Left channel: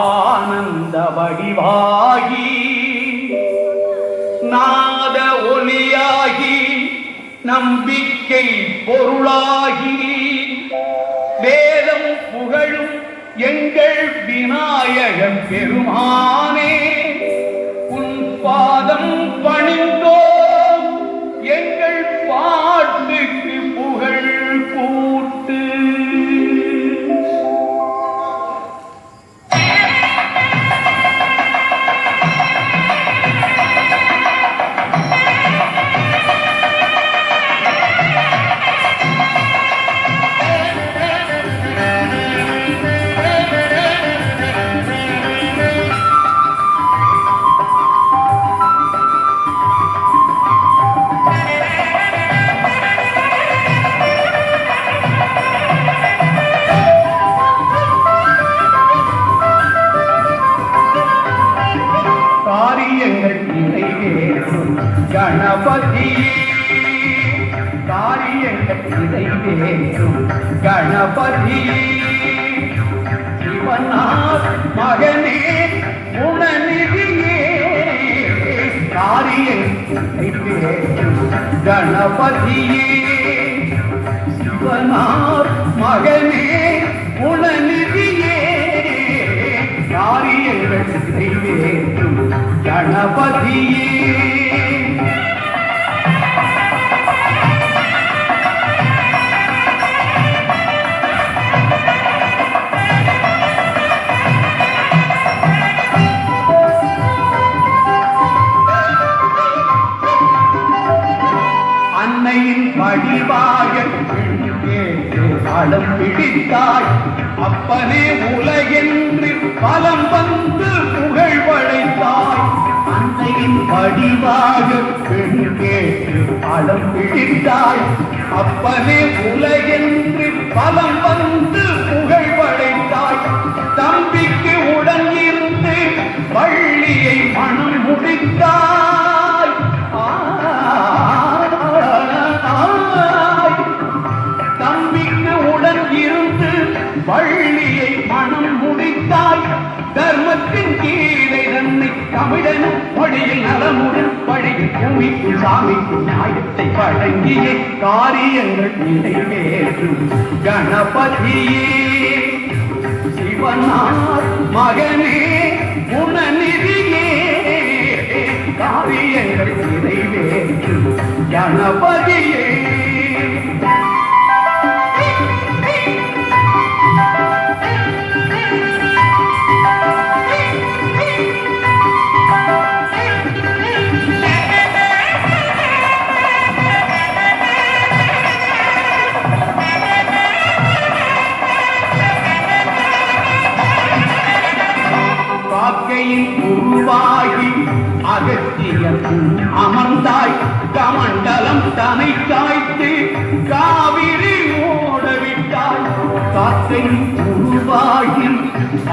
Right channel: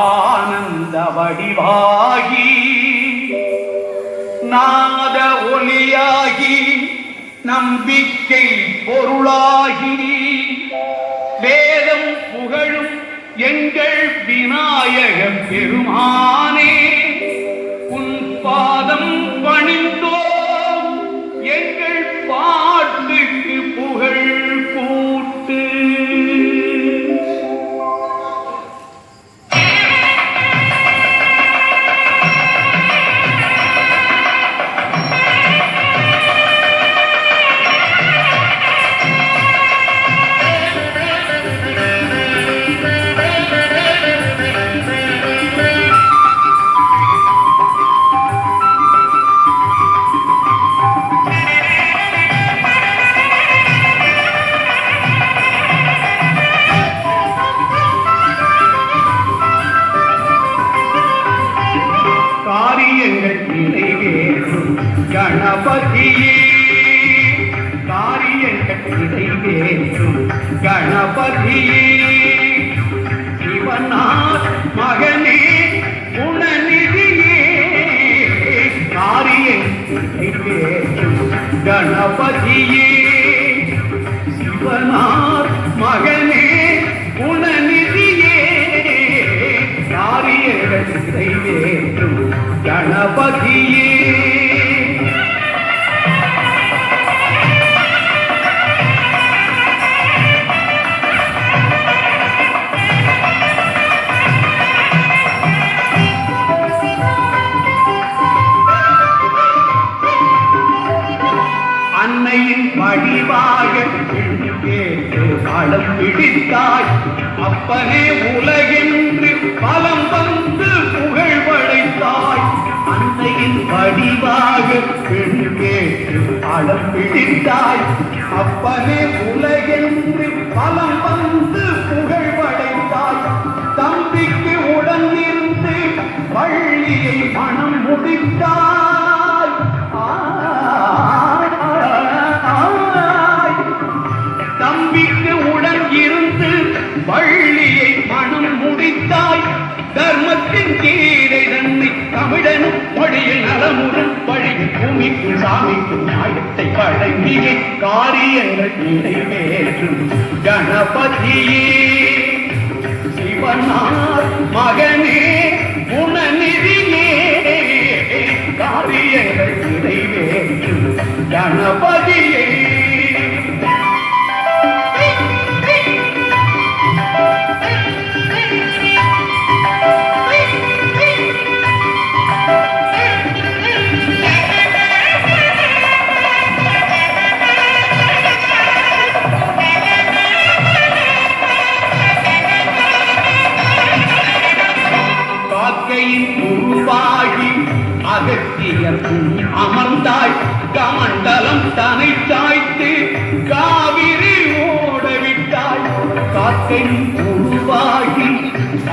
ஆனந்த வடிவாகி நாத ஒலியாகி நம்பிக்கை பொருளாகி வேதம் புகழும் எங்கள் விநாயகன் பெருமானே உன் பாதம் பணிந்தோம் எங்கள் பாட்டுக்கு புகழ் கூட்டு. கணபதியே காரியங்கள் நிறைவேற்றும் கணபதியே சிவனார் மகனே குணநிதியே காரியங்கள் நிறைவேற்றும் கணபதியே சிவனார் மகனே குணநிதியே காரியங்கள் நிறைவேற்றும் கணபதியே. அன்னையின் வடிவாக களம் பிடித்தாய் அப்பனே உலகென்று பலம் வந்து புகழ் படைத்தாய். அன்னையின் வடிவாக பெண் கேட்டு களம் பிடித்தாய் அப்பனே உலகென்று பலம் வந்து புகழ் படைத்தாய். தம்பிக்கு உடன் இருந்து பள்ளியை மனம் முடித்தாய். வள்ளியை மனம் முடித்தாய். தர்மத்தின் கீரை தன்னை தமிழனும் மொழியில் நலமுடன் வழியில் பூமிக்கு சாமிக்கு நாயத்தை வழங்கிய காரியங்கள் நிறைவேற்றும் கணபதியே சிவனார் மகனே குணநிதியே காரியங்கள் நிறைவேற்றும் கணபதியே. உருவாகி அகத்தியர் அமர்ந்தாய் கமண்டலம் தனை சாய்த்து காவிரி ஓடவிட்டாய். காக்கை உருவாகி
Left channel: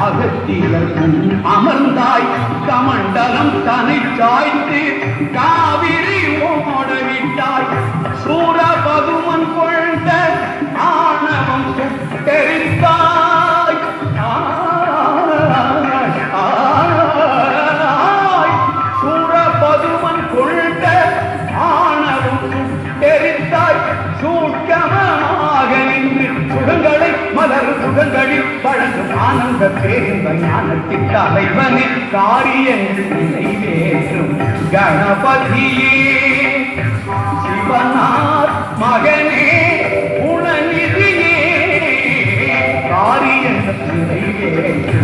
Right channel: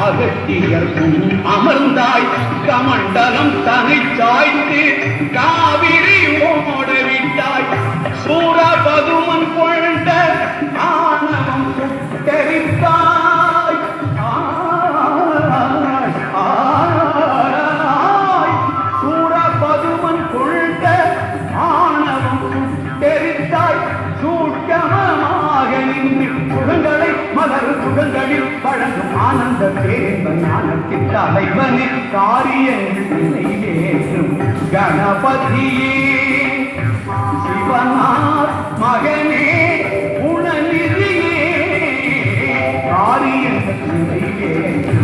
அகத்தியர் அமர்ந்தாய் கமண்டலம் தனை சாய்த்து காவிரி ஓடவிட்டாய். சூரபதுமன் கொண்ட ஞானம் சுட்டெரித்தாய். ஆனந்த பேரின்ப ஞானத்தின் தலைவனே காரியங்கள் நிறைவேற்றும் கணபதியே சிவனார் மகனே குணநிதியே காரியங்கள் நிறைவேற்றும்